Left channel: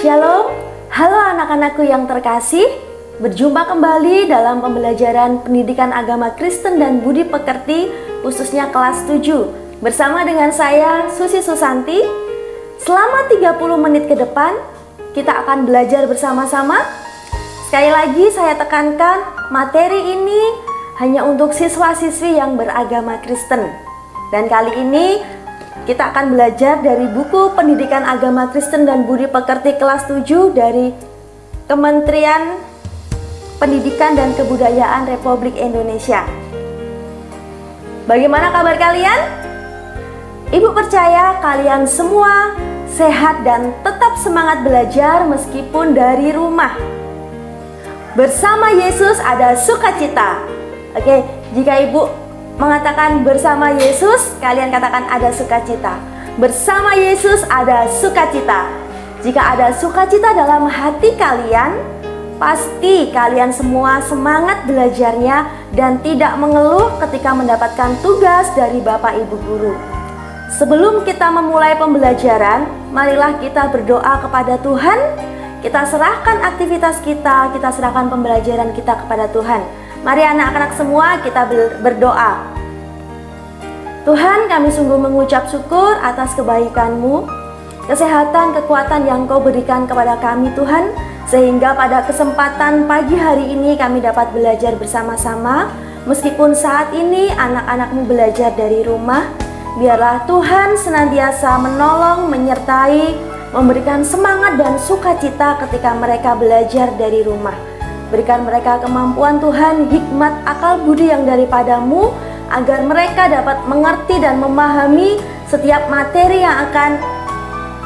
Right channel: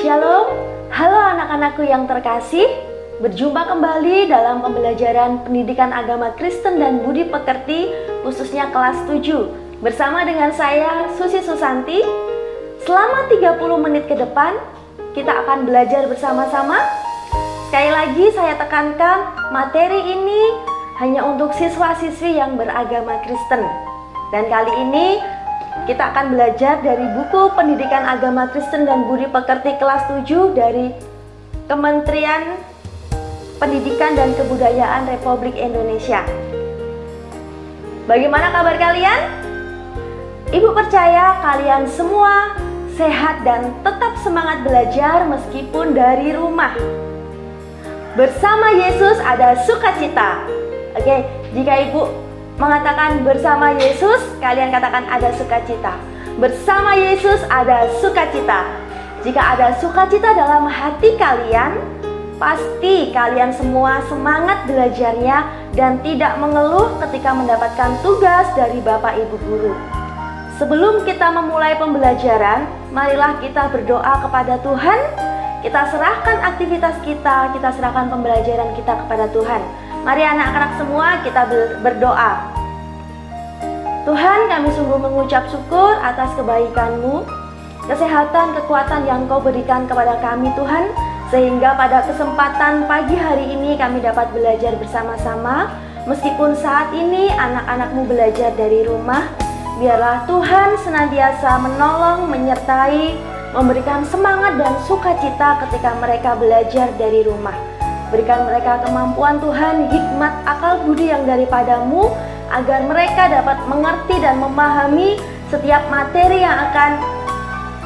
Shalom, halo anak-anakku yang terkasih. Berjumpa kembali dalam pembelajaran pendidikan agama Kristen dan budi pekerti, khususnya kelas 7. Bersama dengan saya, Susi Susanti. Selama 30 menit ke depan, kita akan belajar bersama-sama. Sekali lagi saya tekankan, materi ini hanya untuk siswa-siswi yang beragama Kristen. Dan kali ini kita akan belajar dari buku Pendidikan Agama Kristen dan Budi Pekerti kelas 7 dari Kementerian Pendidikan dan Kebudayaan Republik Indonesia. Bagaimana kabar kalian? Ibu percaya kalian semua sehat dan tetap semangat belajar meskipun dari rumah. Bersama Yesus ada sukacita. Oke, jika ibu mengatakan bersama Yesus, kalian katakan ada sukacita. Bersama Yesus ada sukacita. Jika ada sukacita dalam hati kalian, pasti kalian semua semangat belajarnya dan tidak mengeluh ketika mendapatkan tugas dari Bapak Ibu Guru. Sebelum kita memulai pembelajaran, marilah kita berdoa kepada Tuhan. Kita serahkan aktivitas kita serahkan pembelajaran kita kepada Tuhan. Mari anak-anak semua kita berdoa. Tuhan, kami sungguh mengucap syukur atas kebaikan-Mu, kesehatan, kekuatan yang Kau berikan kepada kami Tuhan, sehingga pada kesempatan pagi hari ini kami dapat belajar bersama-sama. Meskipun saat ini anak-anak-Mu belajar dari rumah, biarlah Tuhan senantiasa menolong, menyertai, memberikan semangat dan sukacita ketika mereka belajar dari rumah. Berikan mereka kemampuan Tuhan, hikmat, akal budi yang daripada-Mu, agar mereka dapat mengerti dan memahami setiap materi yang akan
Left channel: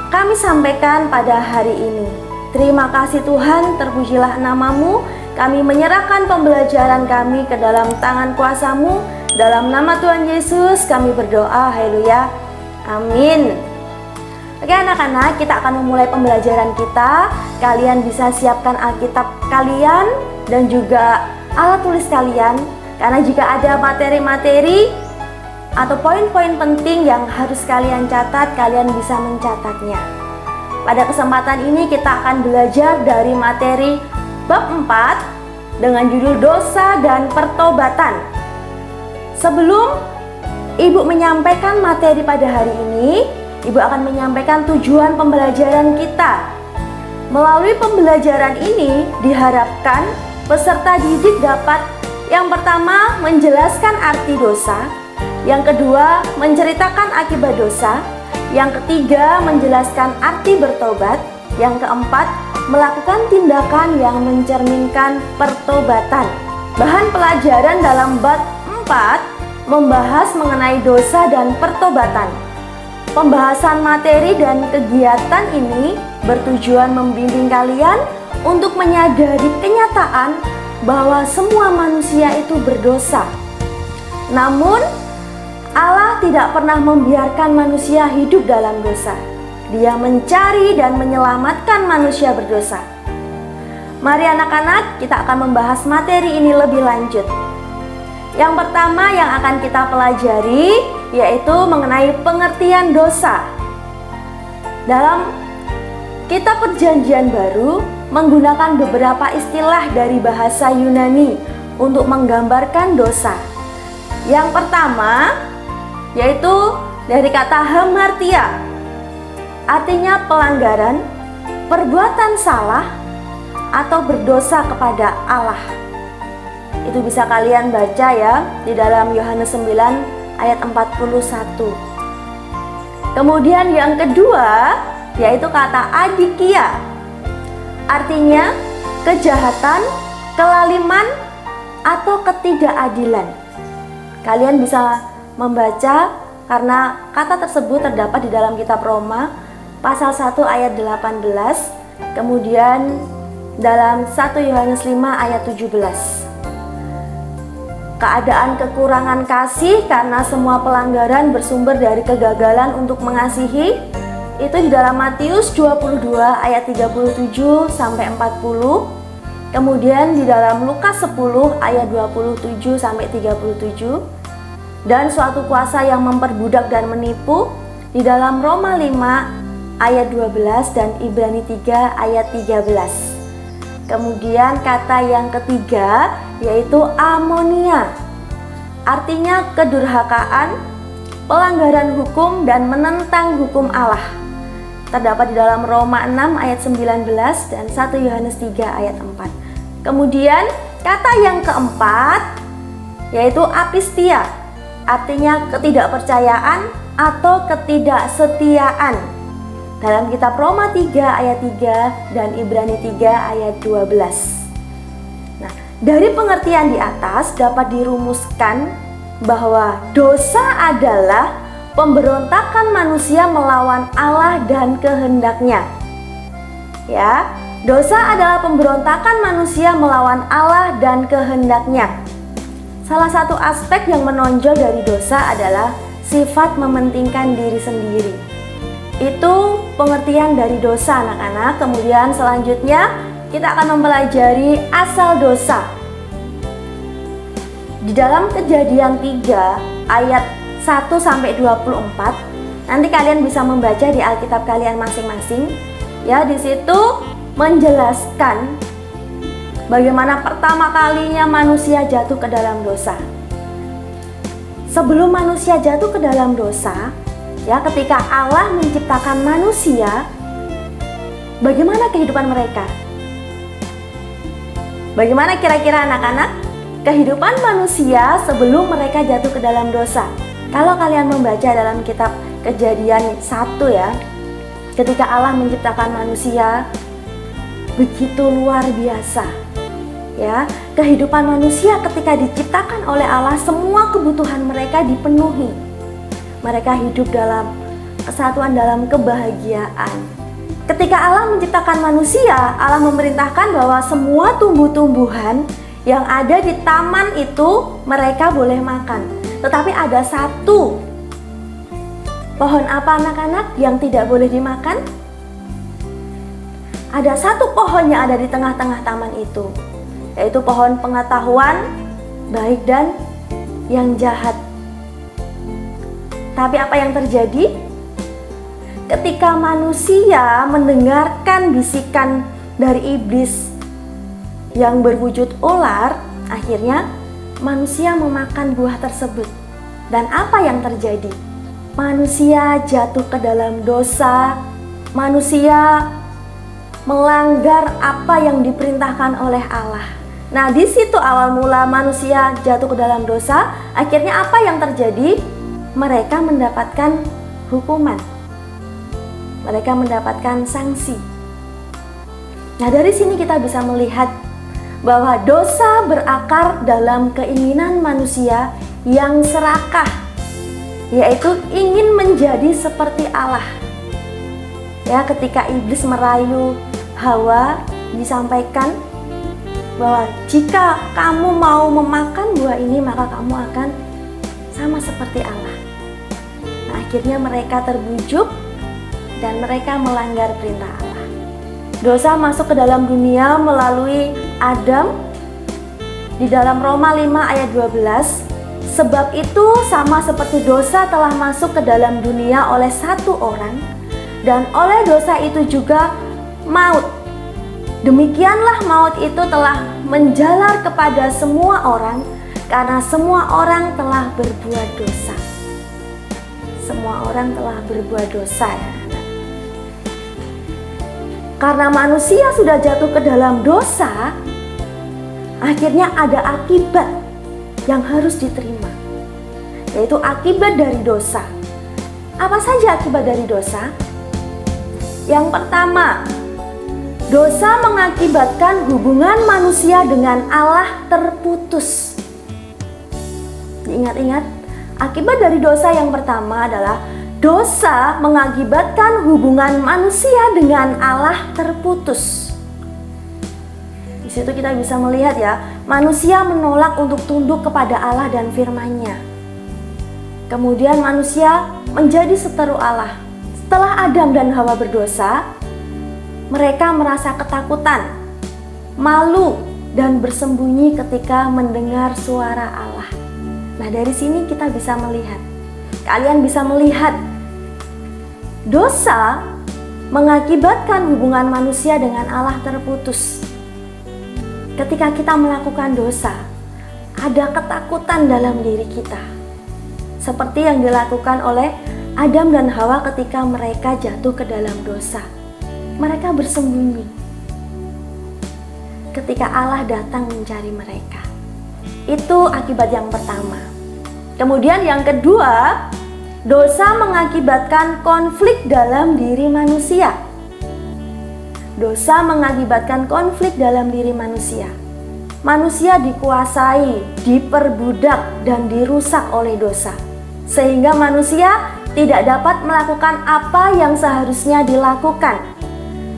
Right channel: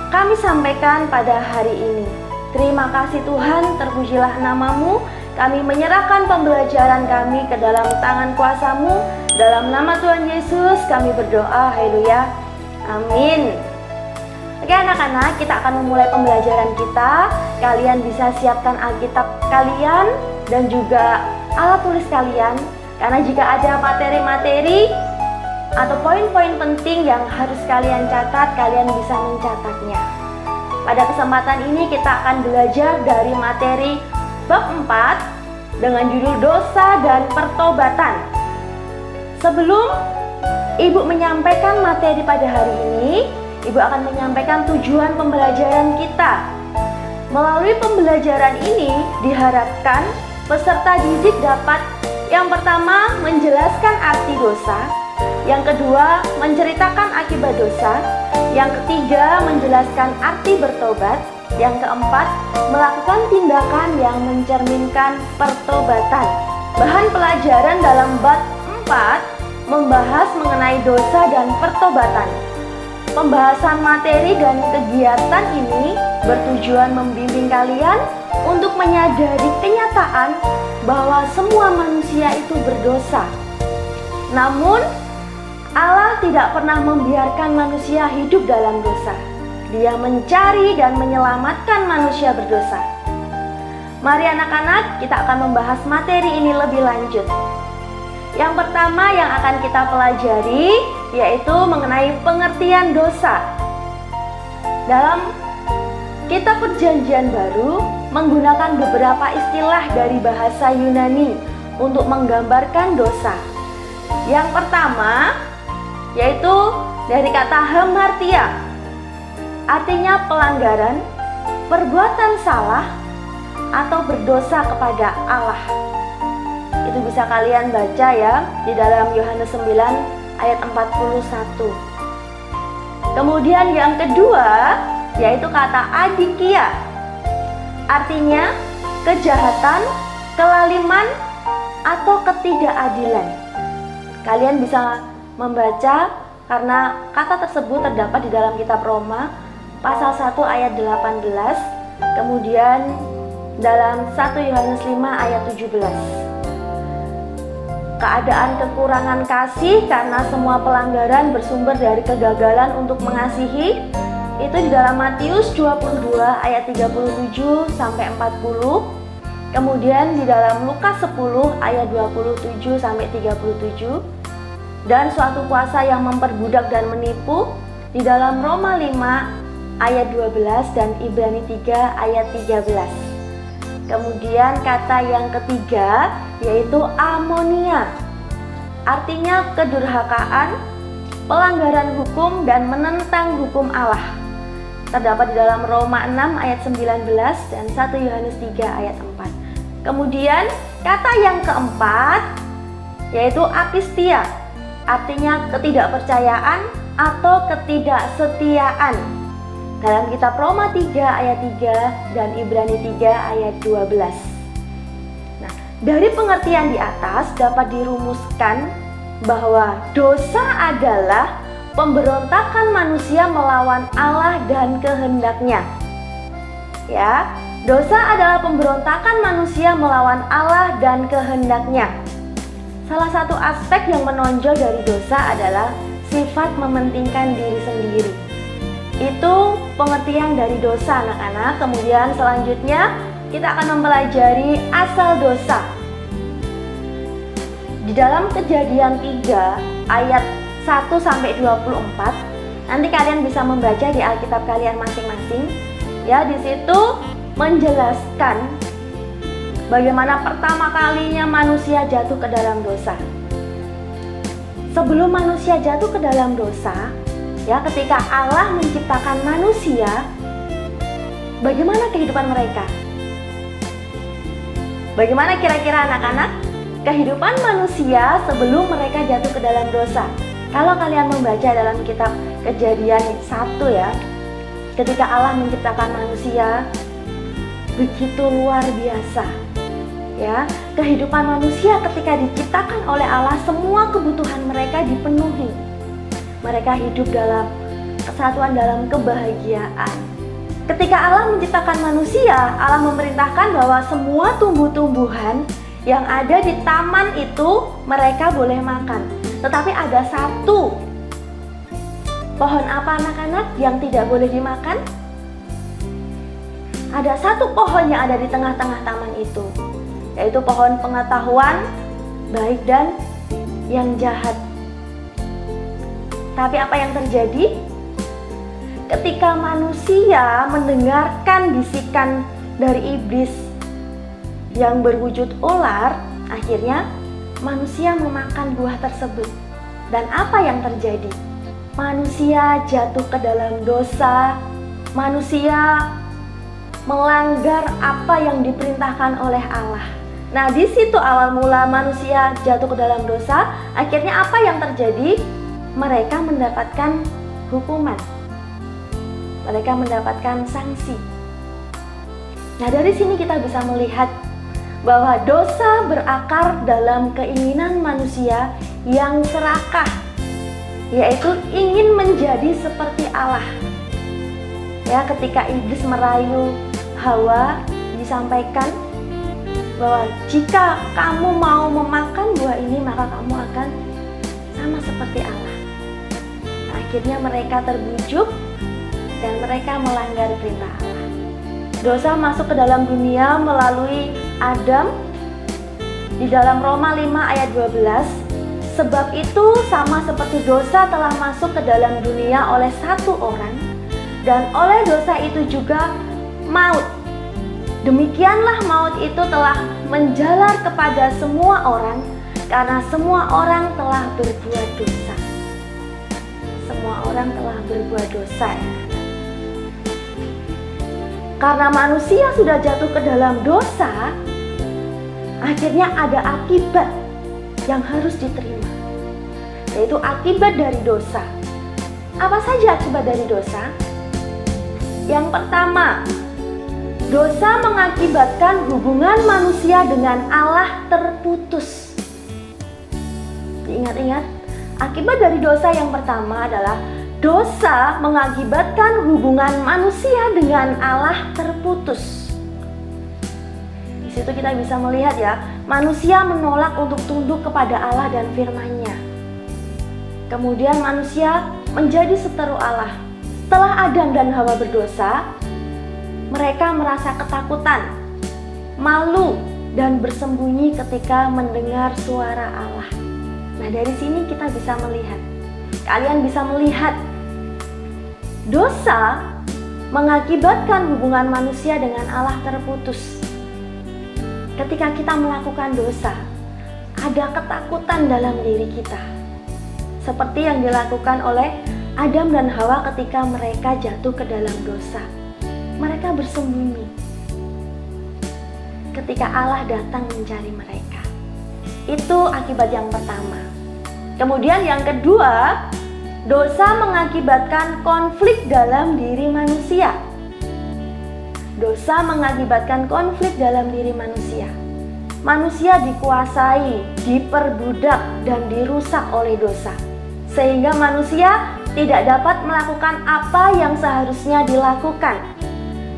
kami sampaikan pada hari ini. Terima kasih Tuhan, terpujilah nama-Mu. Kami menyerahkan pembelajaran kami ke dalam tangan kuasa-Mu. Dalam nama Tuhan Yesus kami berdoa, haleluya, amin. Oke anak-anak, kita akan memulai pembelajaran kita. Kalian bisa siapkan Alkitab kalian dan juga alat tulis kalian, karena jika ada materi-materi atau poin-poin penting yang harus kalian catat, kalian bisa mencatatnya. Pada kesempatan ini kita akan belajar dari materi bab 4 dengan judul dosa dan pertobatan. Sebelum Ibu menyampaikan materi pada hari ini, Ibu akan menyampaikan tujuan pembelajaran kita. Melalui pembelajaran ini diharapkan peserta didik dapat yang pertama menjelaskan arti dosa, yang kedua menceritakan akibat dosa, yang ketiga menjelaskan arti bertobat, yang keempat melakukan tindakan yang mencerminkan pertobatan. Bahan pelajaran dalam bab 4 membahas mengenai dosa dan pertobatan. Pembahasan materi dan kegiatan ini bertujuan membimbing kalian untuk menyadari kenyataan bahwa semua manusia itu berdosa. Namun, Allah tidak pernah membiarkan manusia hidup dalam dosa. Dia mencari dan menyelamatkan manusia berdosa. Mari anak-anak, kita akan membahas materi ini lebih lanjut. Yang pertama yang akan kita pelajari yaitu mengenai pengertian dosa. Dalam Kitab Perjanjian Baru menggunakan beberapa istilah dari bahasa Yunani untuk menggambarkan dosa. Yang pertama yaitu dari kata hamartia, artinya pelanggaran, perbuatan salah, atau berdosa kepada Allah. Itu bisa kalian baca ya di dalam Yohanes 9 ayat 41. Kemudian yang kedua yaitu kata adikia, artinya kejahatan, kelaliman, atau ketidakadilan. Kalian bisa membaca karena kata tersebut terdapat di dalam kitab Roma pasal 1 ayat 18, kemudian dalam 1 Yohanes 5 ayat 17. Keadaan kekurangan kasih karena semua pelanggaran bersumber dari kegagalan untuk mengasihi, itu di dalam Matius 22 ayat 37 sampai 40. Kemudian di dalam Lukas 10 ayat 27 sampai 37. Dan suatu kuasa yang memperbudak dan menipu di dalam Roma 5 ayat 12 dan Ibrani 3 ayat 13. Kemudian kata yang ketiga yaitu amonia, artinya kedurhakaan, pelanggaran hukum dan menentang hukum Allah. Terdapat di dalam Roma 6 ayat 19 dan 1 Yohanes 3 ayat 4. Kemudian kata yang keempat yaitu apistia, artinya ketidakpercayaan atau ketidaksetiaan. Dalam kitab Roma 3 ayat 3 dan Ibrani 3 ayat 12. Nah, dari pengertian di atas dapat dirumuskan bahwa dosa adalah pemberontakan manusia melawan Allah dan kehendaknya. Ya, dosa adalah pemberontakan manusia melawan Allah dan kehendaknya. Salah satu aspek yang menonjol dari dosa adalah sifat mementingkan diri sendiri. Itu pengertian dari dosa, anak-anak. Kemudian selanjutnya kita akan mempelajari asal dosa. Di dalam Kejadian 3 ayat 1 sampai 24, nanti kalian bisa membaca di Alkitab kalian masing-masing. Ya, di situ menjelaskan bagaimana pertama kalinya manusia jatuh ke dalam dosa. Sebelum manusia jatuh ke dalam dosa, ya, ketika Allah menciptakan manusia, bagaimana kehidupan mereka? Bagaimana kira-kira anak-anak kehidupan manusia sebelum mereka jatuh ke dalam dosa? Kalau kalian membaca dalam kitab Kejadian 1 ya, ketika Allah menciptakan manusia, begitu luar biasa. Ya, kehidupan manusia ketika diciptakan oleh Allah, semua kebutuhan mereka dipenuhi. Mereka hidup dalam kesatuan, dalam kebahagiaan. Ketika Allah menciptakan manusia, Allah memerintahkan bahwa semua tumbuh-tumbuhan yang ada di taman itu mereka boleh makan. Tetapi ada satu pohon apa anak-anak yang tidak boleh dimakan? Ada satu pohon yang ada di tengah-tengah taman itu, yaitu pohon pengetahuan baik dan yang jahat. Tapi apa yang terjadi? Ketika manusia mendengarkan bisikan dari iblis yang berwujud ular, akhirnya manusia memakan buah tersebut. Dan apa yang terjadi? Manusia jatuh ke dalam dosa. Manusia melanggar apa yang diperintahkan oleh Allah. Nah, di situ awal mula manusia jatuh ke dalam dosa. Akhirnya apa yang terjadi? Mereka mendapatkan hukuman. Mereka mendapatkan sanksi. Nah, dari sini kita bisa melihat bahwa dosa berakar dalam keinginan manusia yang serakah, yaitu ingin menjadi seperti Allah. Ya, ketika iblis merayu Hawa, disampaikan bahwa jika kamu mau memakan buah ini, maka kamu akan sama seperti Allah. Nah, akhirnya mereka terbujuk dan mereka melanggar perintah Allah. Dosa masuk ke dalam dunia melalui Adam. Di dalam Roma 5 ayat 12, sebab itu sama seperti dosa telah masuk ke dalam dunia oleh satu orang, dan oleh dosa itu juga maut. Demikianlah maut itu telah menjalar kepada semua orang, karena semua orang telah berbuat dosa. Semua orang telah berbuat dosa, ya. Karena manusia sudah jatuh ke dalam dosa, akhirnya ada akibat yang harus diterima, yaitu akibat dari dosa. Apa saja akibat dari dosa? Yang pertama, dosa mengakibatkan hubungan manusia dengan Allah terputus. Ingat-ingat, akibat dari dosa yang pertama adalah dosa mengakibatkan hubungan manusia dengan Allah terputus. Di situ kita bisa melihat ya, manusia menolak untuk tunduk kepada Allah dan firman-Nya. Kemudian manusia menjadi seteru Allah. Setelah Adam dan Hawa berdosa, mereka merasa ketakutan, malu, dan bersembunyi ketika mendengar suara Allah. Nah, dari sini kita bisa melihat, kalian bisa melihat dosa mengakibatkan hubungan manusia dengan Allah terputus. Ketika kita melakukan dosa, ada ketakutan dalam diri kita, seperti yang dilakukan oleh Adam dan Hawa ketika mereka jatuh ke dalam dosa. Mereka bersembunyi ketika Allah datang mencari mereka. Itu akibat yang pertama. Kemudian yang kedua, dosa mengakibatkan konflik dalam diri manusia. Dosa mengakibatkan konflik dalam diri manusia. Manusia dikuasai, diperbudak, dan dirusak oleh dosa, sehingga manusia tidak dapat melakukan apa yang seharusnya dilakukan.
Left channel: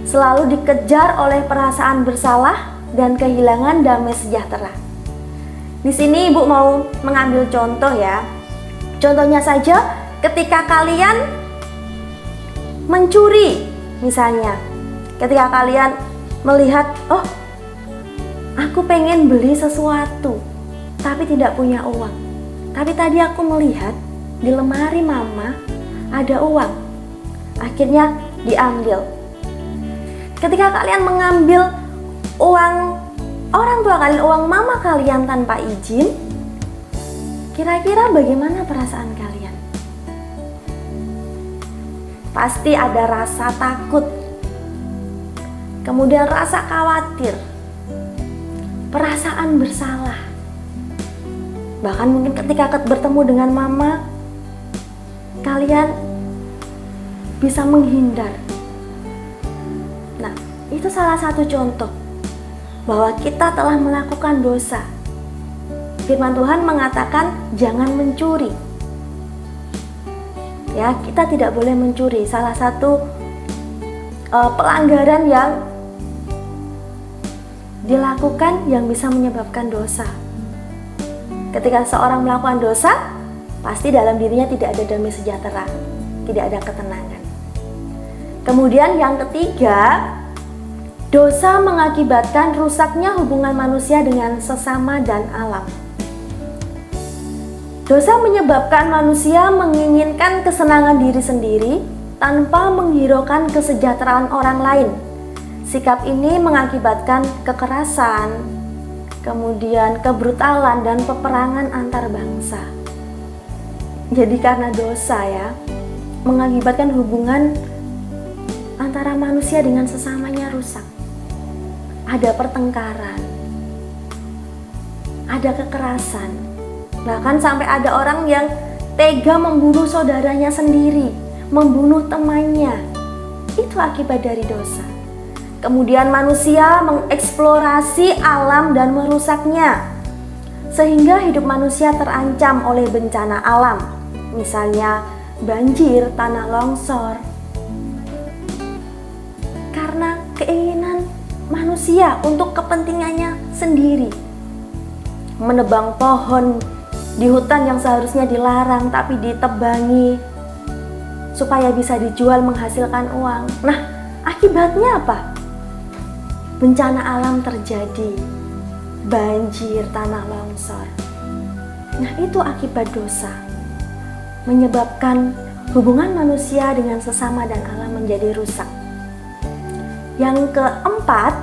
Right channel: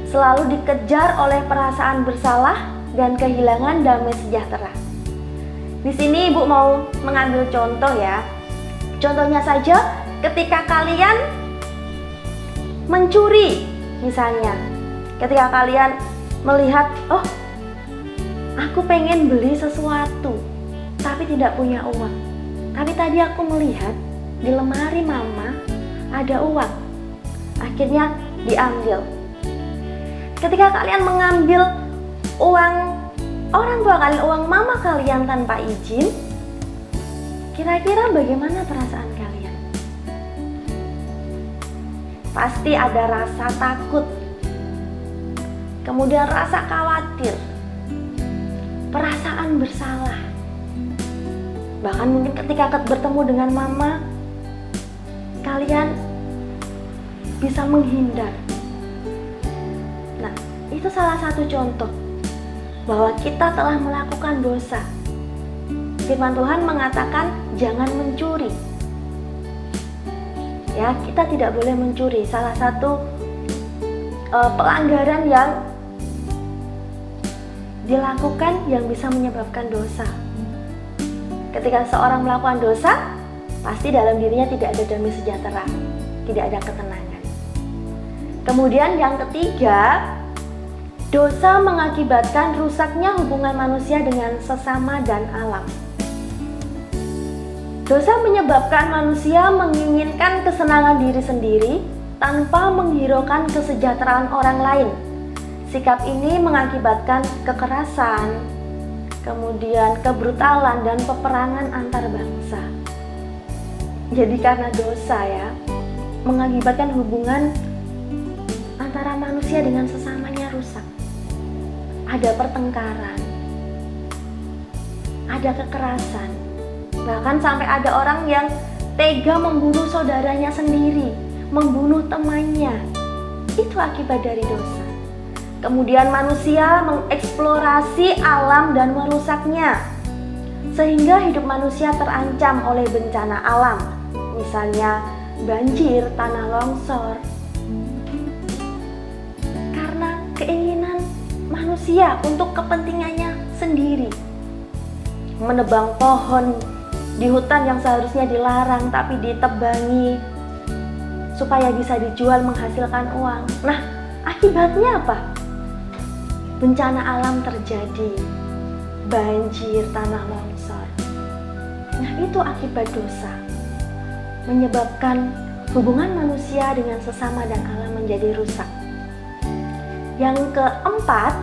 Selalu dikejar oleh perasaan bersalah dan kehilangan damai sejahtera. Di sini Ibu mau mengambil contoh ya. Contohnya saja ketika kalian mencuri misalnya. Ketika kalian melihat, oh aku pengen beli sesuatu tapi tidak punya uang. Tapi tadi aku melihat di lemari mama ada uang. Akhirnya diambil. Ketika kalian mengambil uang orang tua kalian, uang mama kalian tanpa izin, kira-kira bagaimana perasaan kalian? Pasti ada rasa takut, kemudian rasa khawatir, perasaan bersalah. Bahkan mungkin ketika bertemu dengan mama, kalian bisa menghindar. Nah, itu salah satu contoh bahwa kita telah melakukan dosa. Firman Tuhan mengatakan jangan mencuri. Ya, kita tidak boleh mencuri. Salah satu pelanggaran yang dilakukan yang bisa menyebabkan dosa. Ketika seorang melakukan dosa, pasti dalam dirinya tidak ada damai sejahtera, tidak ada ketenangan. Kemudian yang ketiga, dosa mengakibatkan rusaknya hubungan manusia dengan sesama dan alam. Dosa menyebabkan manusia menginginkan kesenangan diri sendiri tanpa menghiraukan kesejahteraan orang lain. Sikap ini mengakibatkan kekerasan, kemudian kebrutalan dan peperangan antar bangsa. Jadi karena dosa ya, mengakibatkan hubungan antara manusia dengan sesamanya rusak. Ada pertengkaran, ada kekerasan, bahkan sampai ada orang yang tega membunuh saudaranya sendiri, membunuh temannya. Itu akibat dari dosa. Kemudian manusia mengeksplorasi alam dan merusaknya, sehingga hidup manusia terancam oleh bencana alam, misalnya banjir, tanah longsor. Karena keinginan manusia untuk kepentingannya sendiri, menebang pohon di hutan yang seharusnya dilarang tapi ditebangi supaya bisa dijual menghasilkan uang. Nah, akibatnya apa? Bencana alam terjadi, banjir, tanah longsor. Nah, itu akibat dosa, menyebabkan hubungan manusia dengan sesama dan alam menjadi rusak. Yang keempat,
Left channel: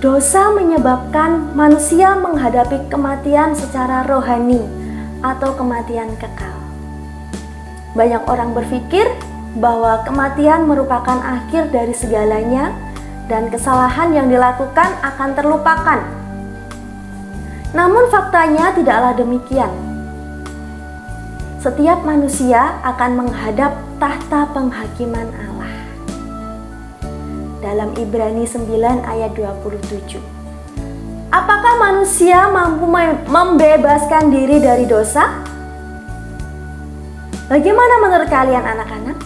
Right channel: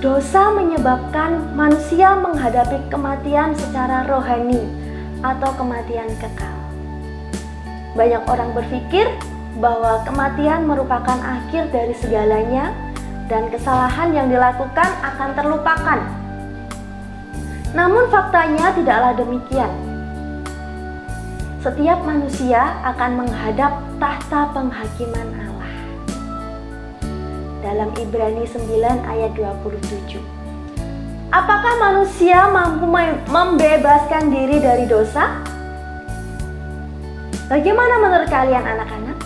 dosa menyebabkan manusia menghadapi kematian secara rohani atau kematian kekal. Banyak orang berpikir bahwa kematian merupakan akhir dari segalanya dan kesalahan yang dilakukan akan terlupakan. Namun faktanya tidaklah demikian. Setiap manusia akan menghadap tahta penghakiman Allah. Dalam Ibrani 9 ayat 27. Apakah manusia mampu membebaskan diri dari dosa? Bagaimana menurut kalian anak-anak?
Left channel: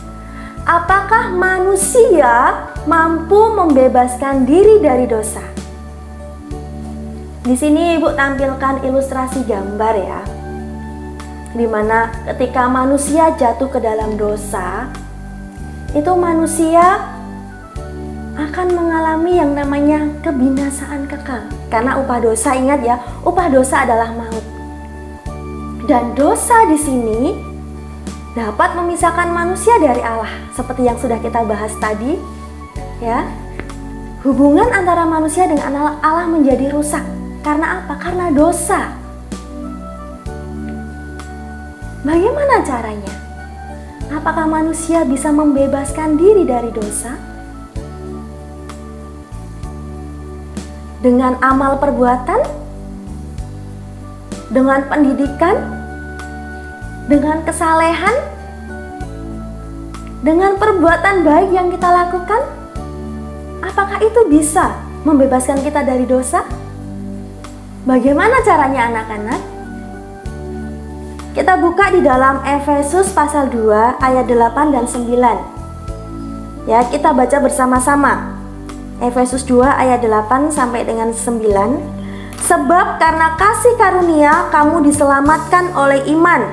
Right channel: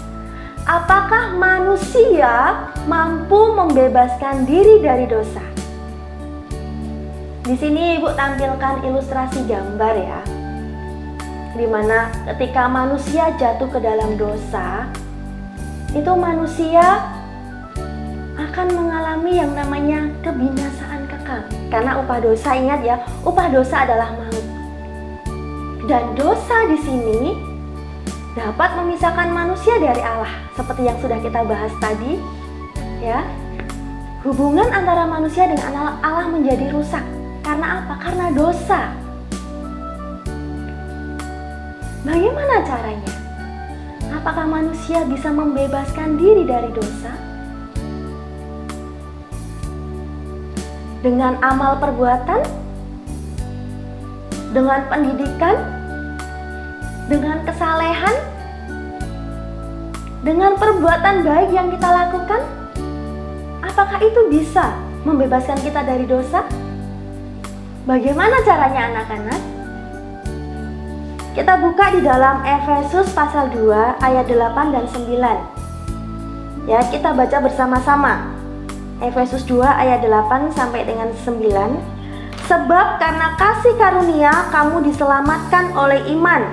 Apakah manusia mampu membebaskan diri dari dosa? Di sini Ibu tampilkan ilustrasi gambar ya, di mana ketika manusia jatuh ke dalam dosa, itu manusia akan mengalami yang namanya kebinasaan kekal. Karena upah dosa, ingat ya, upah dosa adalah maut. Dan dosa di sini dapat memisahkan manusia dari Allah, seperti yang sudah kita bahas tadi, ya. Hubungan antara manusia dengan Allah menjadi rusak. Karena apa? Karena dosa. Bagaimana caranya? Apakah manusia bisa membebaskan diri dari dosa? Dengan amal perbuatan? Dengan pendidikan? Dengan kesalehan? Dengan perbuatan baik yang kita lakukan? Apakah itu bisa membebaskan kita dari dosa? Bagaimana caranya anak-anak? Kita buka di dalam Efesus pasal 2 ayat 8 dan 9. Ya, kita baca bersama-sama. Efesus 2 ayat 8 sampai dengan 9. Sebab karena kasih karunia kamu diselamatkan oleh iman.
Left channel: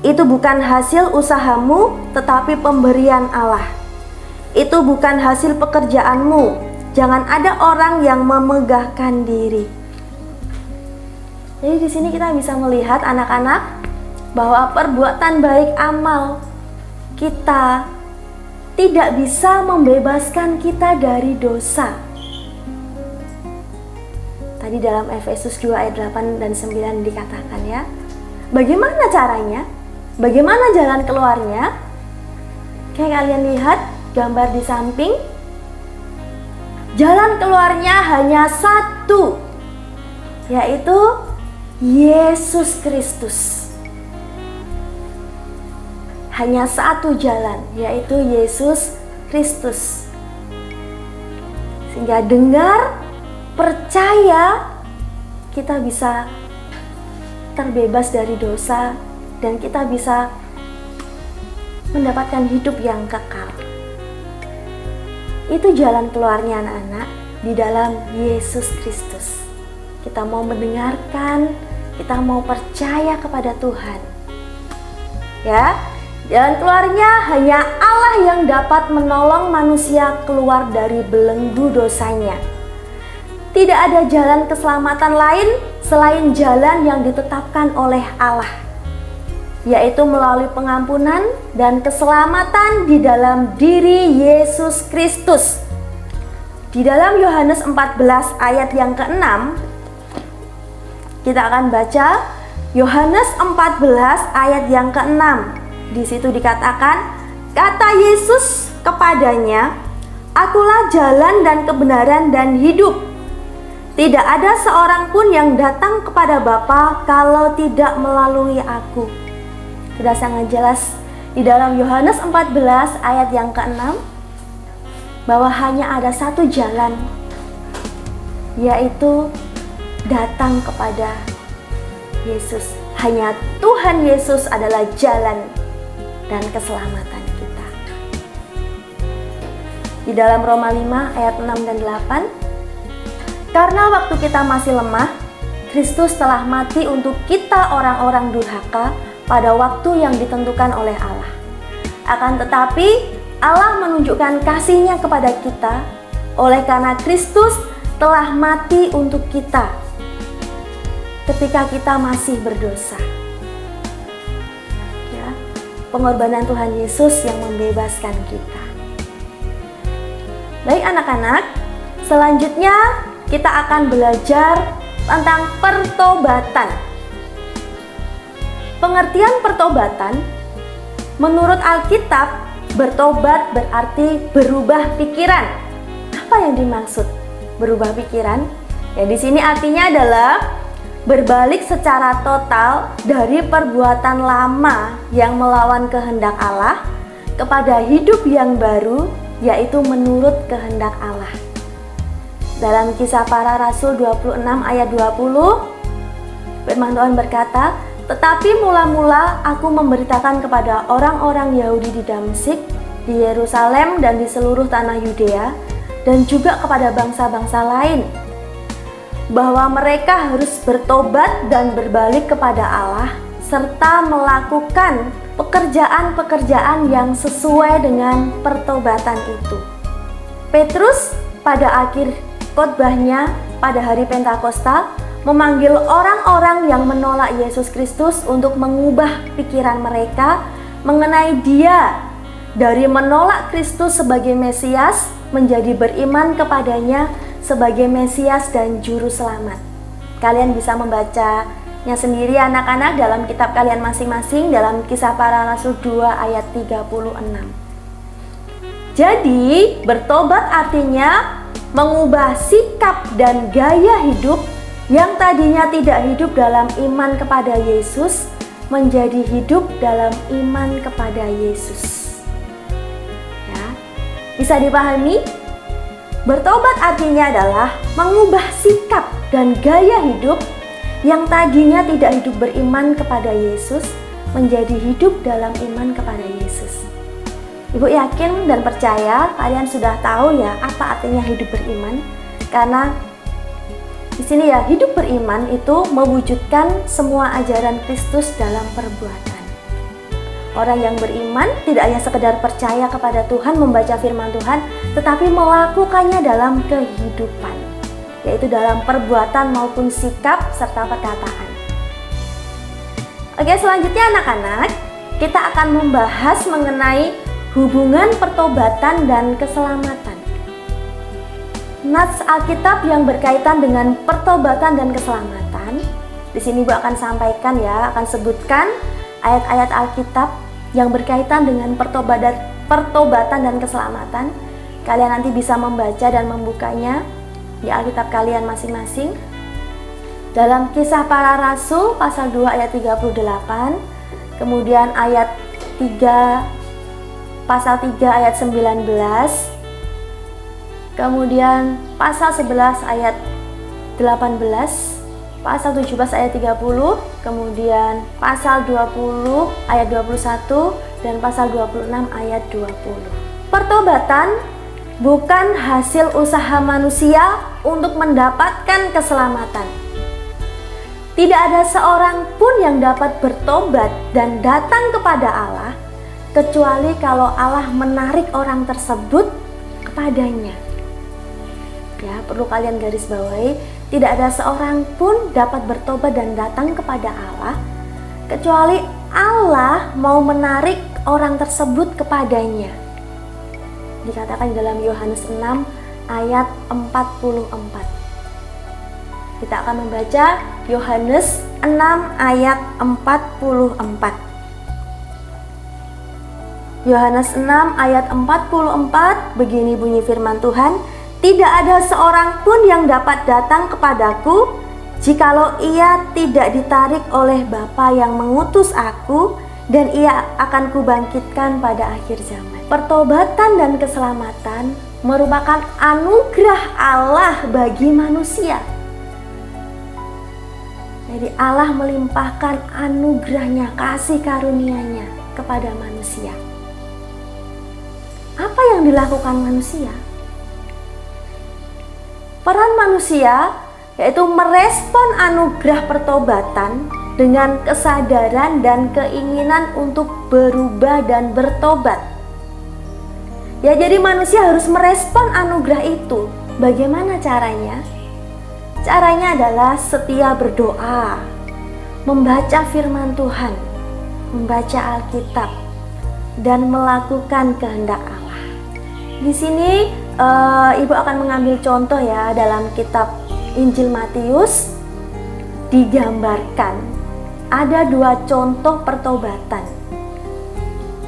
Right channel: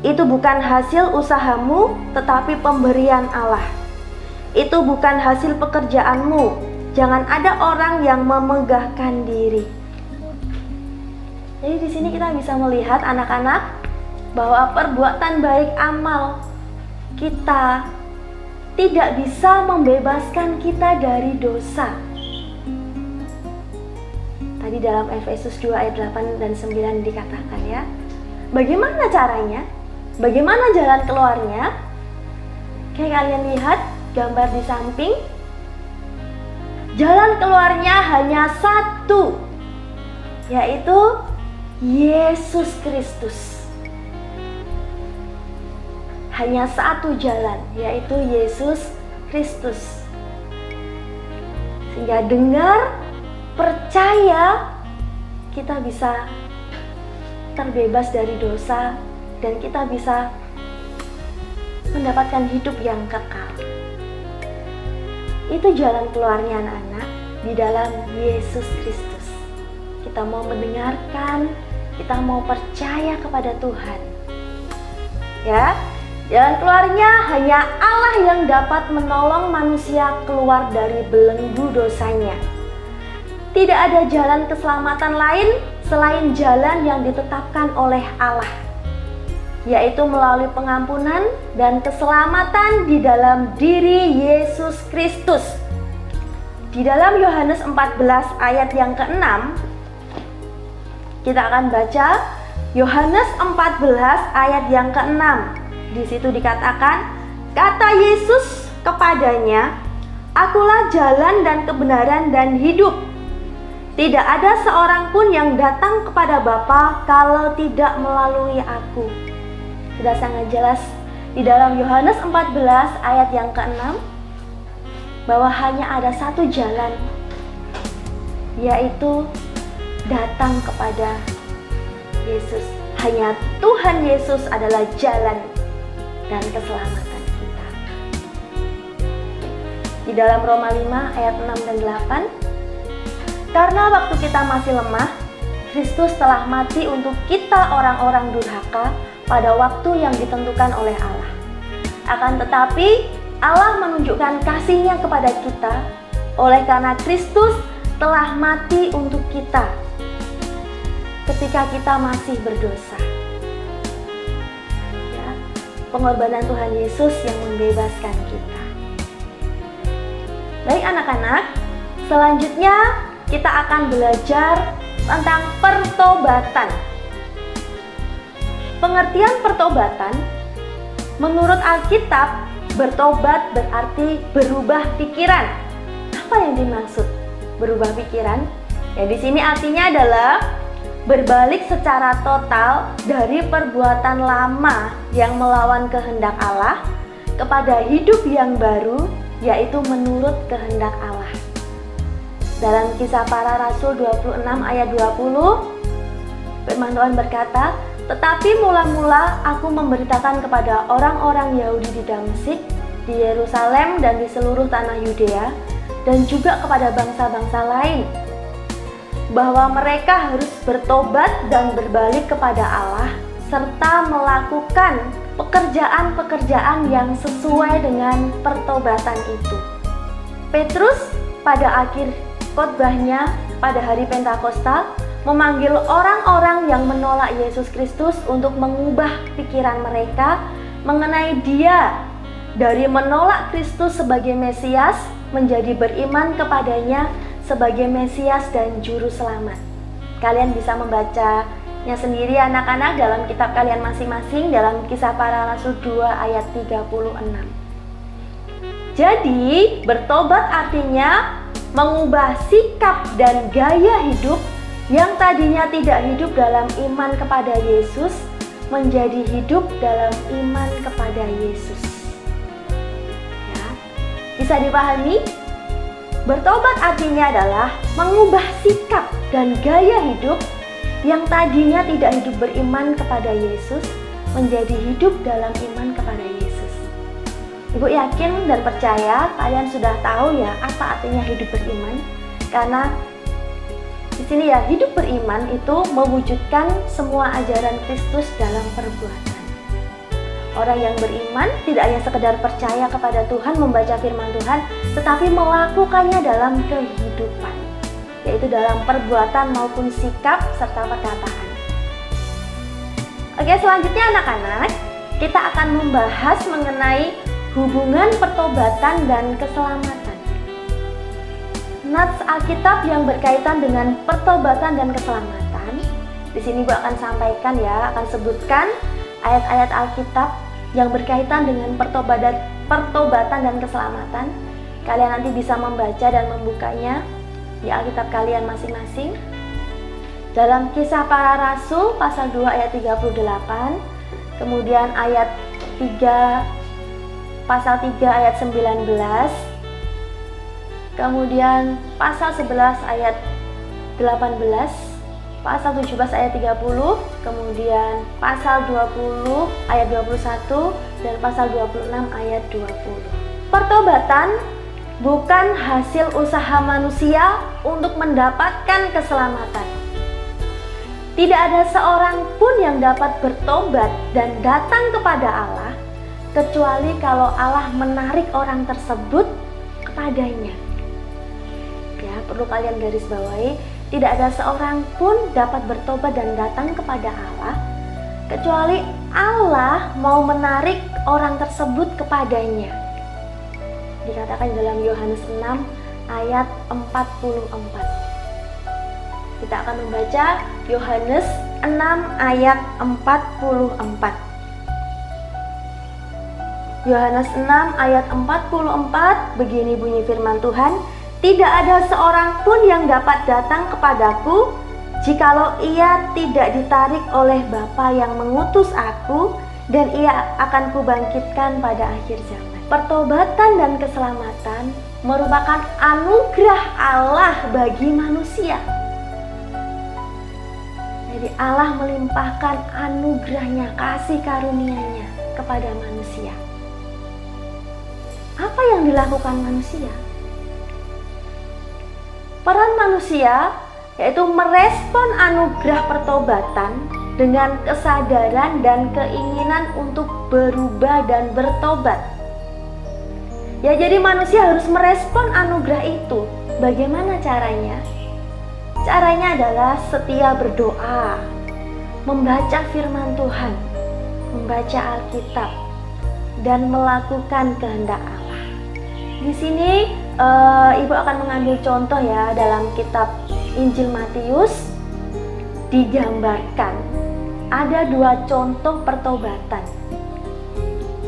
Itu bukan hasil usahamu, tetapi pemberian Allah. Itu bukan hasil pekerjaanmu. Jangan ada orang yang memegahkan diri. Jadi di sini kita bisa melihat anak-anak bahwa perbuatan baik amal kita tidak bisa membebaskan kita dari dosa. Tadi dalam Efesus 2 ayat 8 dan 9 dikatakan, ya. Bagaimana caranya? Bagaimana jalan keluarnya? Kayak kalian lihat gambar di samping, jalan keluarnya hanya satu, yaitu Yesus Kristus. Hanya satu jalan, yaitu Yesus Kristus. Sehingga dengar, percaya, kita bisa terbebas dari dosa dan kita bisa mendapatkan hidup yang kekal. Itu jalan keluarnya anak-anak di dalam Yesus Kristus. Kita mau mendengarkan, kita mau percaya kepada Tuhan. Ya, jalan keluarnya hanya Allah yang dapat menolong manusia keluar dari belenggu dosanya. Tidak ada jalan keselamatan lain selain jalan yang ditetapkan oleh Allah, yaitu melalui pengampunan dan keselamatan di dalam diri Yesus Kristus. Di dalam Yohanes 14 ayat yang ke-6, kita akan baca Yohanes 14 ayat yang ke-6. Di situ dikatakan, kata Yesus kepadanya, "Akulah jalan dan kebenaran dan hidup. Tidak ada seorang pun yang datang kepada Bapa kalau tidak melalui aku." Sudah sangat jelas di dalam Yohanes 14 ayat yang ke-6 bahwa hanya ada satu jalan, yaitu datang kepada Yesus. Hanya Tuhan Yesus adalah jalan dan keselamatan kita. Di dalam Roma 5 ayat 6 dan 8, karena waktu kita masih lemah, Kristus telah mati untuk kita orang-orang durhaka pada waktu yang ditentukan oleh Allah. Akan tetapi Allah menunjukkan kasih-Nya kepada kita oleh karena Kristus telah mati untuk kita ketika kita masih berdosa. Ya, pengorbanan Tuhan Yesus yang membebaskan kita. Baik anak-anak, selanjutnya kita akan belajar tentang pertobatan. Pengertian pertobatan menurut Alkitab, bertobat berarti berubah pikiran. Apa yang dimaksud berubah pikiran? Ya, di sini artinya adalah berbalik secara total dari perbuatan lama yang melawan kehendak Allah kepada hidup yang baru, yaitu menurut kehendak Allah. Dalam Kisah Para Rasul 26 ayat 20, firman Tuhan berkata, "Tetapi mula-mula aku memberitakan kepada orang-orang Yahudi di Damsyik, di Yerusalem dan di seluruh tanah Yudea, dan juga kepada bangsa-bangsa lain, bahwa mereka harus bertobat dan berbalik kepada Allah, serta melakukan pekerjaan-pekerjaan yang sesuai dengan pertobatan itu." Petrus pada akhir khotbahnya pada hari Pentakosta memanggil orang-orang yang menolak Yesus Kristus untuk mengubah pikiran mereka mengenai Dia, dari menolak Kristus sebagai Mesias menjadi beriman kepadanya sebagai Mesias dan Juru Selamat. Kalian bisa membacanya sendiri anak-anak dalam kitab kalian masing-masing dalam Kisah Para Rasul 2 ayat 36. Jadi bertobat artinya mengubah sikap dan gaya hidup yang tadinya tidak hidup dalam iman kepada Yesus menjadi hidup dalam iman kepada Yesus. Ya, bisa dipahami? Bertobat artinya adalah mengubah sikap dan gaya hidup yang tadinya tidak hidup beriman kepada Yesus menjadi hidup dalam iman kepada Yesus. Ibu yakin dan percaya kalian sudah tahu ya apa artinya hidup beriman, karena di sini ya, hidup beriman itu mewujudkan semua ajaran Kristus dalam perbuatan. Orang yang beriman tidak hanya sekedar percaya kepada Tuhan, membaca firman Tuhan, tetapi melakukannya dalam kehidupan, yaitu dalam perbuatan maupun sikap serta perkataan. Oke, selanjutnya anak-anak, kita akan membahas mengenai hubungan pertobatan dan keselamatan. Nats Alkitab yang berkaitan dengan pertobatan dan keselamatan. Di sini Bu akan sampaikan ya, akan sebutkan ayat-ayat Alkitab yang berkaitan dengan pertobatan dan keselamatan. Kalian nanti bisa membaca dan membukanya di Alkitab kalian masing-masing. Dalam Kisah Para Rasul pasal 2 ayat 38, kemudian ayat 3 pasal 3 ayat 19, kemudian pasal 11 ayat 18, pasal 17 ayat 30, kemudian pasal 20 ayat 21, dan pasal 26 ayat 20. Pertobatan bukan hasil usaha manusia untuk mendapatkan keselamatan. Tidak ada seorang pun yang dapat bertobat dan datang kepada Allah kecuali kalau Allah menarik orang tersebut kepadanya. Ya, perlu kalian garis bawahi, tidak ada seorang pun dapat bertobat dan datang kepada Allah kecuali Allah mau menarik orang tersebut kepadanya. Dikatakan dalam Yohanes 6 ayat 44. Kita akan membaca Yohanes 6 ayat 44. Yohanes 6 ayat 44, begini bunyi firman Tuhan, "Tidak ada seorang pun yang dapat datang kepadaku jikalau ia tidak ditarik oleh Bapa yang mengutus aku, dan ia akan kubangkitkan pada akhir zaman." Pertobatan dan keselamatan merupakan anugerah Allah bagi manusia. Jadi Allah melimpahkan anugerahnya, kasih karunia-Nya kepada manusia. Apa yang dilakukan manusia? Peran manusia yaitu merespon anugerah pertobatan dengan kesadaran dan keinginan untuk berubah dan bertobat. Ya, jadi manusia harus merespon anugerah itu. Bagaimana caranya? Caranya adalah setia berdoa, membaca firman Tuhan, membaca Alkitab, dan melakukan kehendak Allah. Di sini Ibu akan mengambil contoh ya, dalam kitab Injil Matius digambarkan ada 2 contoh pertobatan.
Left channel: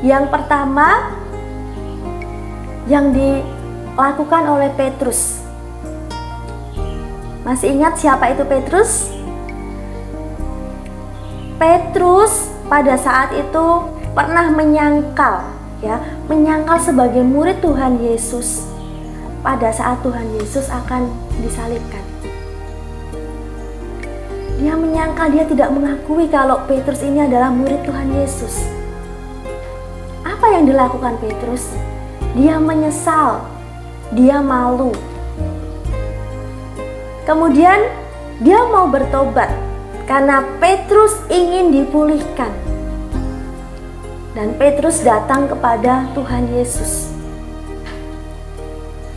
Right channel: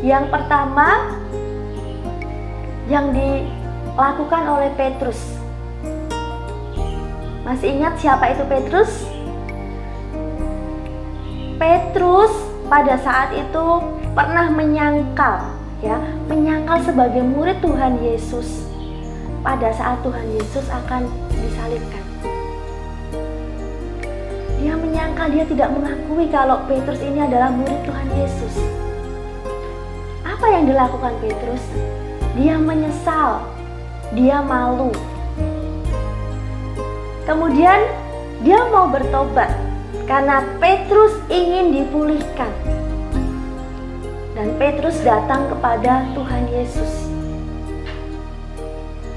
Yang pertama yang dilakukan oleh Petrus. Masih ingat siapa itu Petrus? Petrus pada saat itu pernah menyangkal sebagai murid Tuhan Yesus pada saat Tuhan Yesus akan disalibkan. Dia menyangkal, dia tidak mengakui kalau Petrus ini adalah murid Tuhan Yesus. Apa yang dilakukan Petrus? Dia menyesal, dia malu. Kemudian dia mau bertobat karena Petrus ingin dipulihkan. Dan Petrus datang kepada Tuhan Yesus.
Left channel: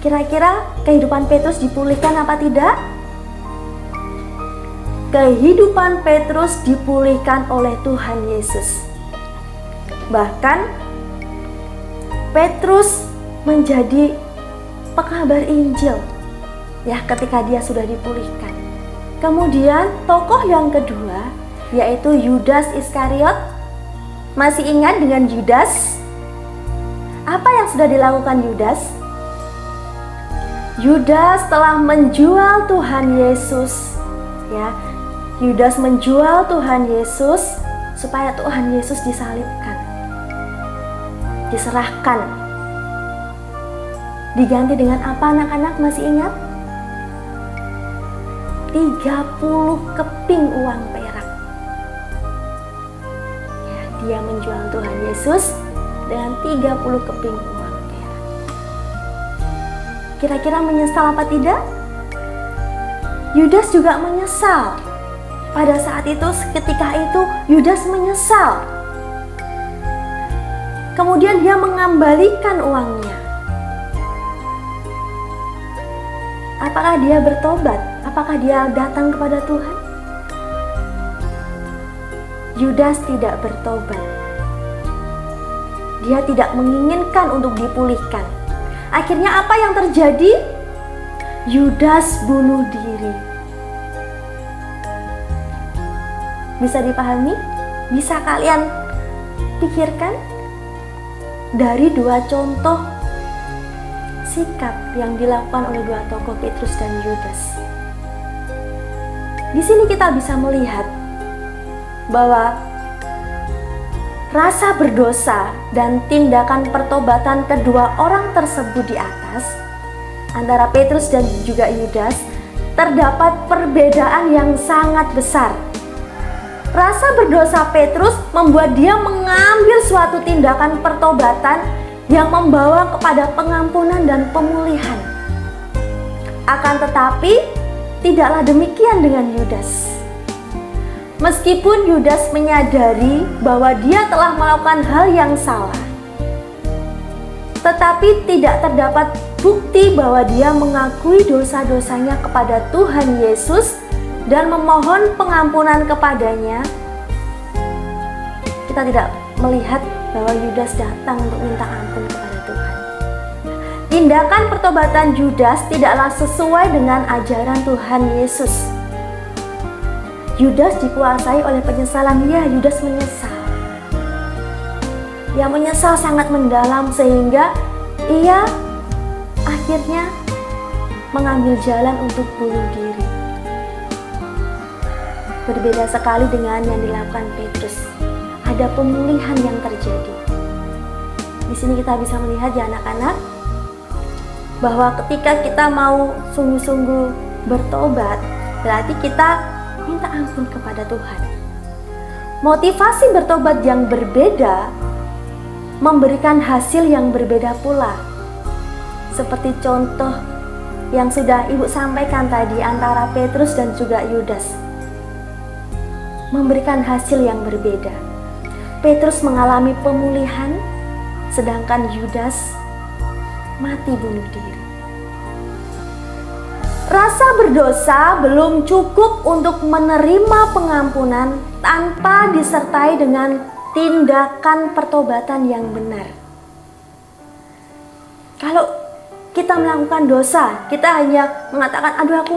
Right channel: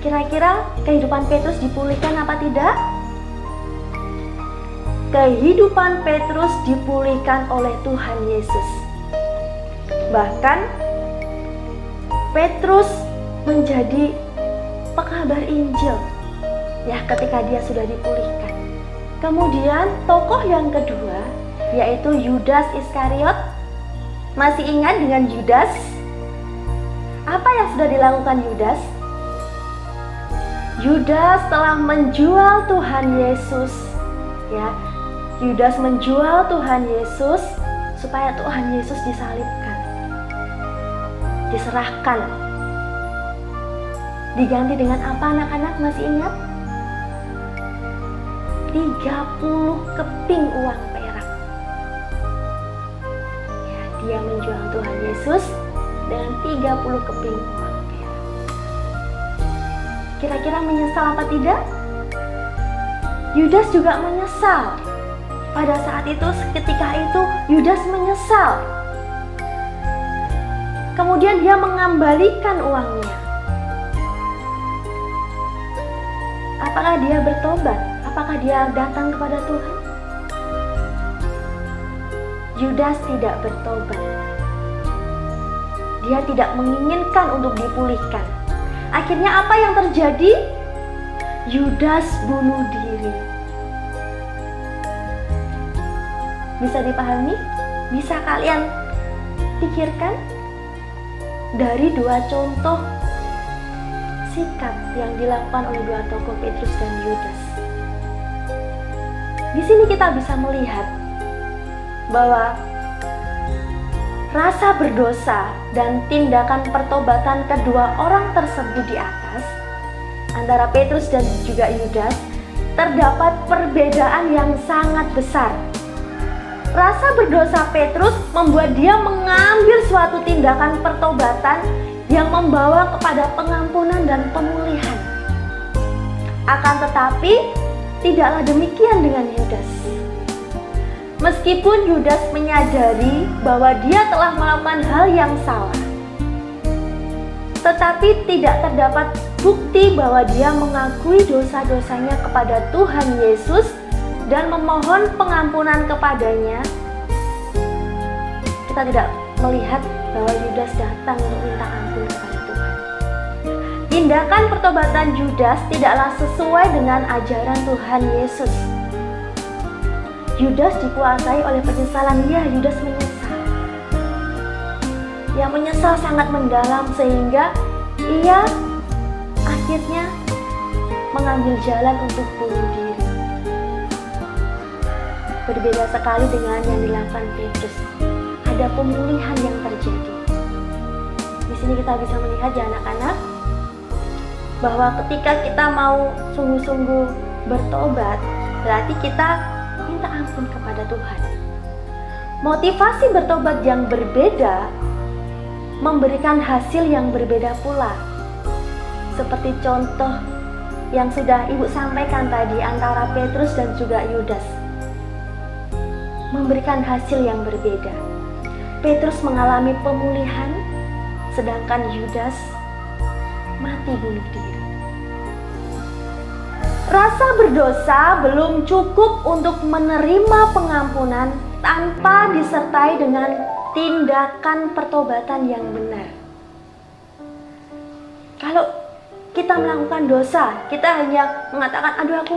Kira-kira kehidupan Petrus dipulihkan apa tidak? Kehidupan Petrus dipulihkan oleh Tuhan Yesus. Bahkan Petrus menjadi pekabar Injil ya ketika dia sudah dipulihkan. Kemudian tokoh yang kedua yaitu Yudas Iskariot. Masih ingat dengan Yudas? Apa yang sudah dilakukan Yudas? Yudas telah menjual Tuhan Yesus ya. Yudas menjual Tuhan Yesus supaya Tuhan Yesus disalibkan, diserahkan. Diganti dengan apa anak-anak, masih ingat? 30 keping uang perak ya, dia menjual Tuhan Yesus dengan 30 keping uang perak. Kira-kira menyesal apa tidak? Yudas juga menyesal. Pada saat itu, ketika itu Yudas menyesal. Kemudian dia mengembalikan uangnya. Apakah dia bertobat? Apakah dia datang kepada Tuhan? Yudas tidak bertobat. Dia tidak menginginkan untuk dipulihkan. Akhirnya apa yang terjadi? Yudas bunuh diri. Bisa dipahami? Bisa kalian pikirkan? Dari dua contoh sikap yang dilakukan oleh dua tokoh Petrus dan Yudas. Di sini kita bisa melihat bahwa rasa berdosa dan tindakan pertobatan kedua orang tersebut di atas, antara Petrus dan juga Yudas, terdapat perbedaan yang sangat besar. Rasa berdosa Petrus membuat dia mengambil suatu tindakan pertobatan yang membawa kepada pengampunan dan pemulihan. Akan tetapi, tidaklah demikian dengan Yudas. Meskipun Yudas menyadari bahwa dia telah melakukan hal yang salah, tetapi tidak terdapat bukti bahwa dia mengakui dosa-dosanya kepada Tuhan Yesus dan memohon pengampunan kepadanya. Kita tidak melihat bahwa Yudas datang untuk minta ampun kepada Tuhan. Tindakan pertobatan Yudas tidaklah sesuai dengan ajaran Tuhan Yesus. Yudas dikuasai oleh penyesalan. Ya, Yudas menyesal. Ia menyesal sangat mendalam sehingga ia akhirnya mengambil jalan untuk bunuh diri. Berbeda sekali dengan yang dilakukan Petrus. Ada pemulihan yang terjadi. Di sini kita bisa melihat ya anak-anak, bahwa ketika kita mau sungguh-sungguh bertobat, berarti kita minta ampun kepada Tuhan. Motivasi bertobat yang berbeda memberikan hasil yang berbeda pula. Seperti contoh yang sudah Ibu sampaikan tadi antara Petrus dan juga Yudas, memberikan hasil yang berbeda. Petrus mengalami pemulihan, sedangkan Yudas mati bunuh diri. Rasa berdosa belum cukup untuk menerima pengampunan tanpa disertai dengan tindakan pertobatan yang benar. Kalau kita melakukan dosa, kita hanya mengatakan, aduh aku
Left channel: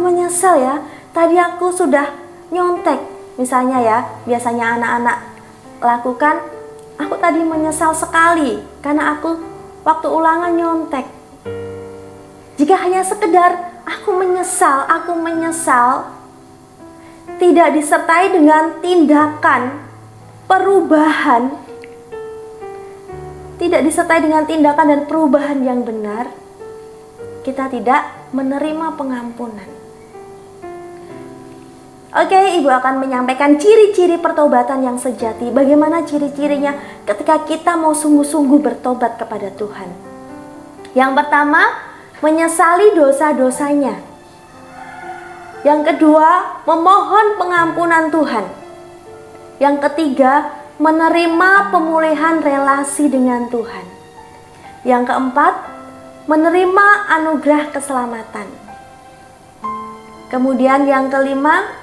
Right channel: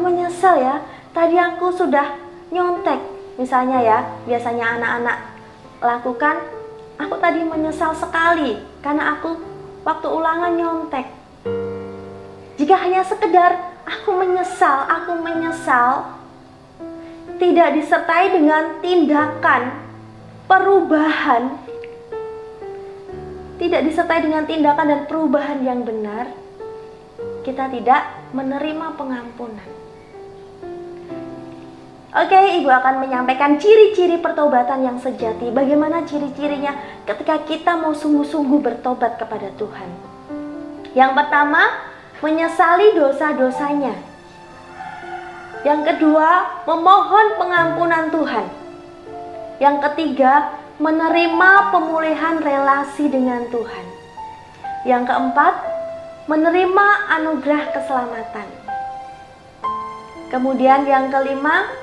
menyesal ya, tadi aku sudah nyontek. Misalnya ya, biasanya anak-anak lakukan, aku tadi menyesal sekali karena aku waktu ulangan nyontek. Jika hanya sekedar aku menyesal, tidak disertai dengan tindakan perubahan, tidak disertai dengan tindakan dan perubahan yang benar, kita tidak menerima pengampunan. Oke, Ibu akan menyampaikan ciri-ciri pertobatan yang sejati. Bagaimana ciri-cirinya ketika kita mau sungguh-sungguh bertobat kepada Tuhan? Yang pertama, menyesali dosa-dosanya. Yang kedua, memohon pengampunan Tuhan. Yang ketiga, menerima pemulihan relasi dengan Tuhan. Yang keempat, menerima anugerah keselamatan. Kemudian yang kelima,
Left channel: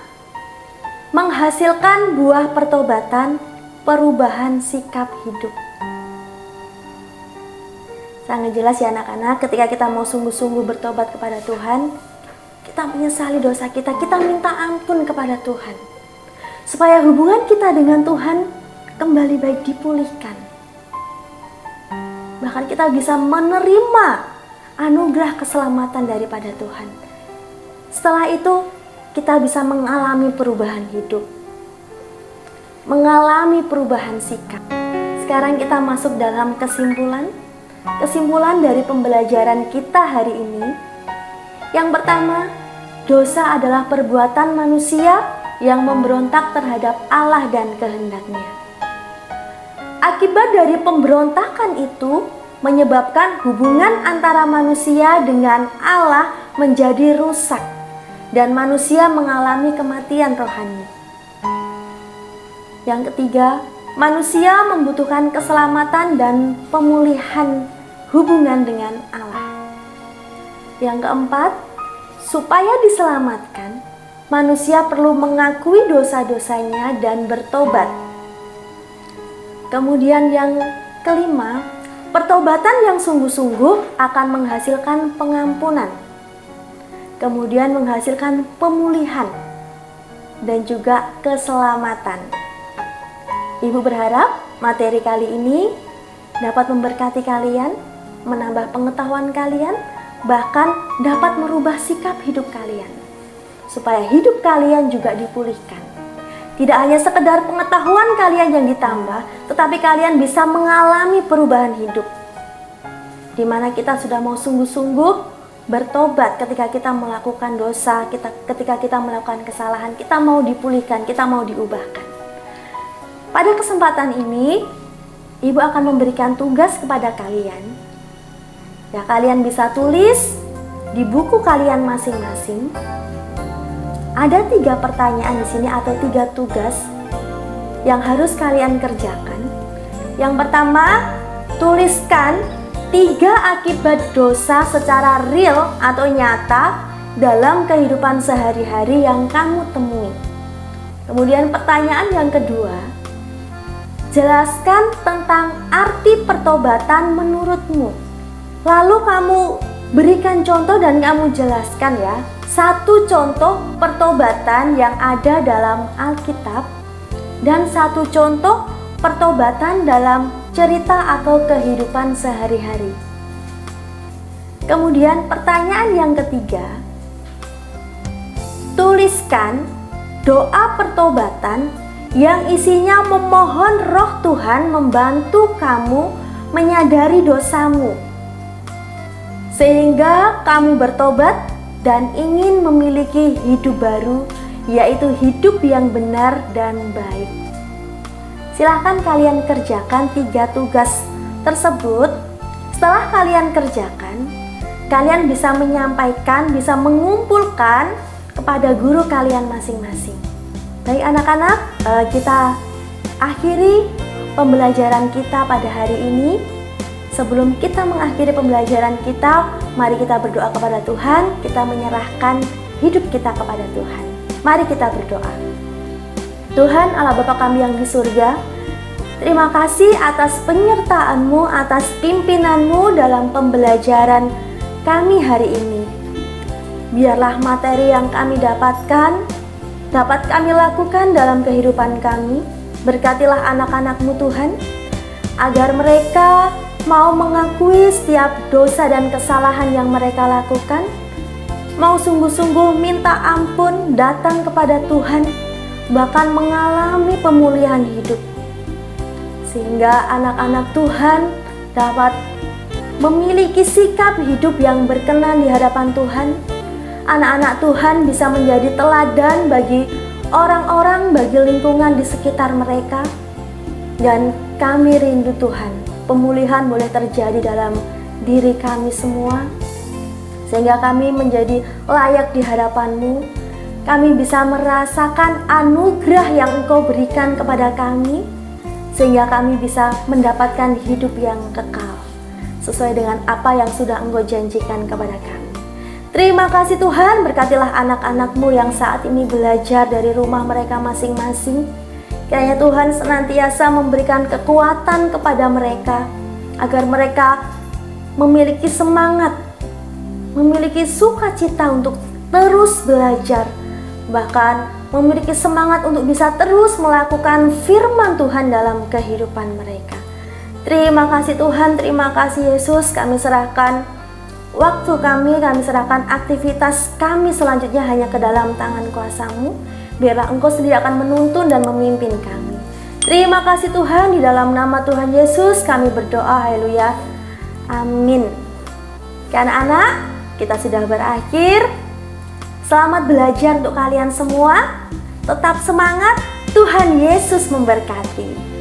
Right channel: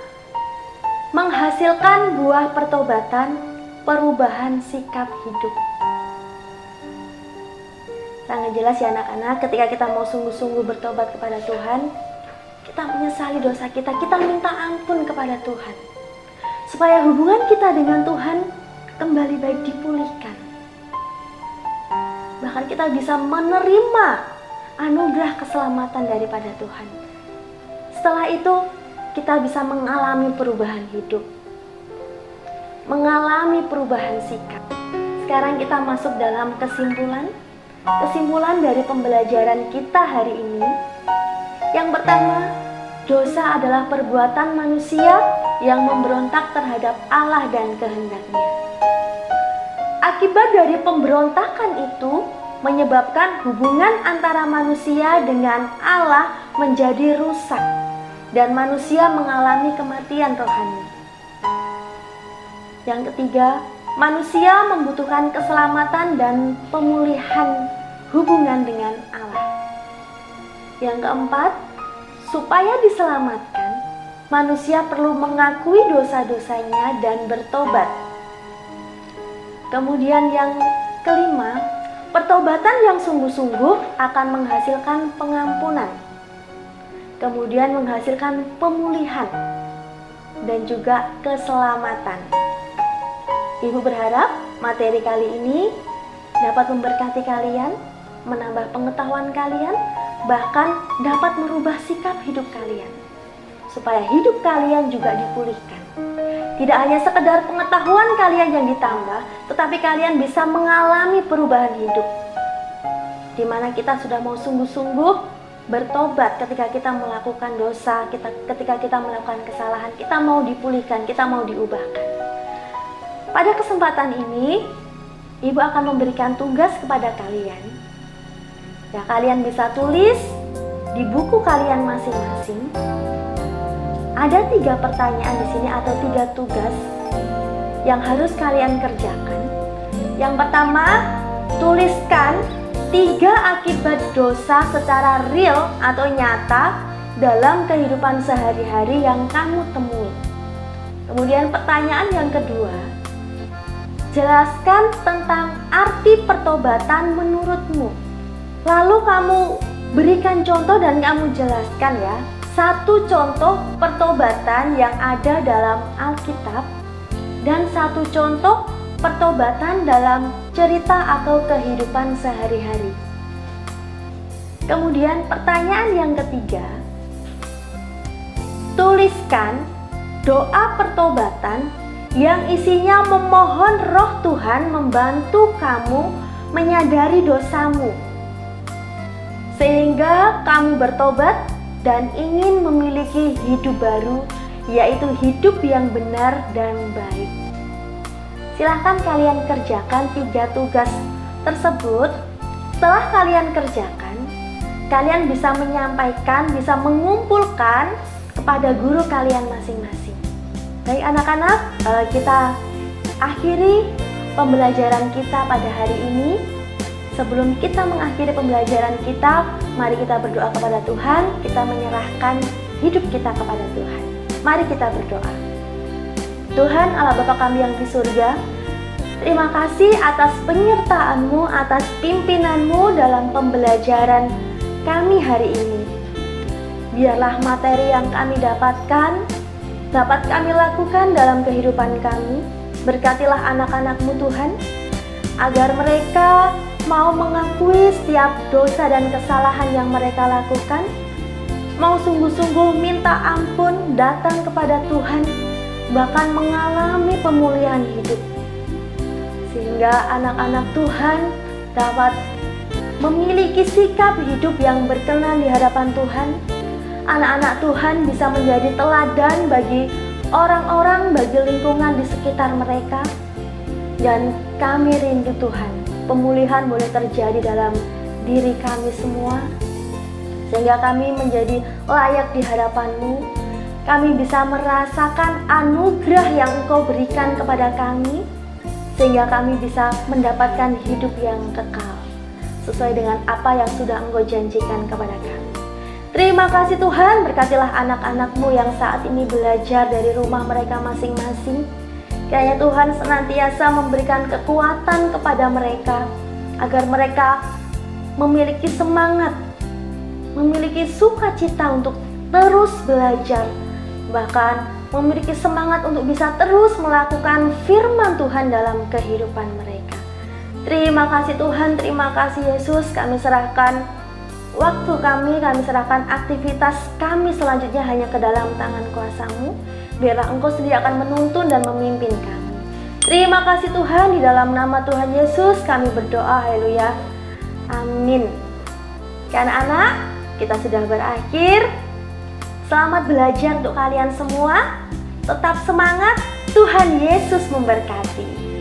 menghasilkan buah pertobatan perubahan sikap hidup. Sangat jelas ya anak-anak, ketika kita mau sungguh-sungguh bertobat kepada Tuhan, kita menyesali dosa kita, kita minta ampun kepada Tuhan, supaya hubungan kita dengan Tuhan kembali baik dipulihkan. Bahkan kita bisa menerima anugerah keselamatan daripada Tuhan. Setelah itu, kita bisa mengalami perubahan hidup, mengalami perubahan sikap. Sekarang kita masuk dalam kesimpulan dari pembelajaran kita hari ini. Yang pertama, dosa adalah perbuatan manusia yang memberontak terhadap Allah dan kehendaknya. Akibat dari pemberontakan itu menyebabkan hubungan antara manusia dengan Allah menjadi rusak dan manusia mengalami kematian rohani. Yang ketiga, manusia membutuhkan keselamatan dan pemulihan hubungan dengan Allah. Yang keempat, supaya diselamatkan, manusia perlu mengakui dosa-dosanya dan bertobat. Kemudian yang kelima, pertobatan yang sungguh-sungguh akan menghasilkan pengampunan, kemudian menghasilkan pemulihan, dan juga keselamatan. Ibu berharap materi kali ini dapat memberkati kalian, menambah pengetahuan kalian, bahkan dapat merubah sikap hidup kalian, supaya hidup kalian juga dipulihkan. Tidak hanya sekedar pengetahuan kalian yang ditambah, tetapi kalian bisa mengalami perubahan hidup, di mana kita sudah mau sungguh-sungguh bertobat ketika kita melakukan dosa, ketika kita melakukan kesalahan, kita mau dipulihkan, kita mau diubahkan. Pada kesempatan ini, Ibu akan memberikan tugas kepada kalian. Ya, kalian bisa tulis di buku kalian masing-masing. Ada 3 pertanyaan di sini atau 3 tugas yang harus kalian kerjakan. Yang pertama, tuliskan 3 akibat dosa secara real atau nyata dalam kehidupan sehari-hari yang kamu temui. Kemudian pertanyaan yang kedua, jelaskan tentang arti pertobatan menurutmu. Lalu kamu berikan contoh dan kamu jelaskan ya, 1 contoh pertobatan yang ada dalam Alkitab dan 1 contoh pertobatan dalam cerita atau kehidupan sehari-hari. Kemudian pertanyaan yang ketiga, tuliskan doa pertobatan yang isinya memohon Roh Tuhan membantu kamu menyadari dosamu, sehingga kamu bertobat dan ingin memiliki hidup baru, yaitu hidup yang benar dan baik. Silahkan kalian kerjakan 3 tugas tersebut. Setelah kalian kerjakan, kalian bisa menyampaikan, bisa mengumpulkan kepada guru kalian masing-masing. Baik anak-anak, kita akhiri pembelajaran kita pada hari ini. Sebelum kita mengakhiri pembelajaran kita, mari kita berdoa kepada Tuhan, kita menyerahkan hidup kita kepada Tuhan. Mari kita berdoa. Tuhan Allah Bapa kami yang di surga, terima kasih atas penyertaan-Mu, atas pimpinan-Mu dalam pembelajaran kami hari ini. Biarlah materi yang kami dapatkan dapat kami lakukan dalam kehidupan kami. Berkatilah anak-anak-Mu Tuhan, agar mereka mau mengakui setiap dosa dan kesalahan yang mereka lakukan, mau sungguh-sungguh minta ampun, datang kepada Tuhan, bahkan mengalami pemulihan hidup, sehingga anak-anak Tuhan dapat memiliki sikap hidup yang berkenan di hadapan Tuhan. Anak-anak Tuhan bisa menjadi teladan bagi orang-orang, bagi lingkungan di sekitar mereka. Dan kami rindu Tuhan, pemulihan boleh terjadi dalam diri kami semua, sehingga kami menjadi layak di hadapan-Mu. Kami bisa merasakan anugerah yang Engkau berikan kepada kami, sehingga kami bisa mendapatkan hidup yang kekal, sesuai dengan apa yang sudah Engkau janjikan kepada kami. Terima kasih Tuhan, berkatilah anak-anak-Mu yang saat ini belajar dari rumah mereka masing-masing. Kiranya Tuhan senantiasa memberikan kekuatan kepada mereka, agar mereka memiliki semangat, memiliki sukacita untuk terus belajar, bahkan memiliki semangat untuk bisa terus melakukan firman Tuhan dalam kehidupan mereka. Terima kasih Tuhan, terima kasih Yesus. Kami serahkan waktu kami serahkan aktivitas kami selanjutnya hanya ke dalam tangan kuasa-Mu. Biarlah Engkau sendiri akan menuntun dan memimpin kami. Terima kasih Tuhan, di dalam nama Tuhan Yesus kami berdoa, haleluya, amin. Anak-anak, kita sudah berakhir. Selamat belajar untuk kalian semua. Tetap semangat, Tuhan Yesus memberkati.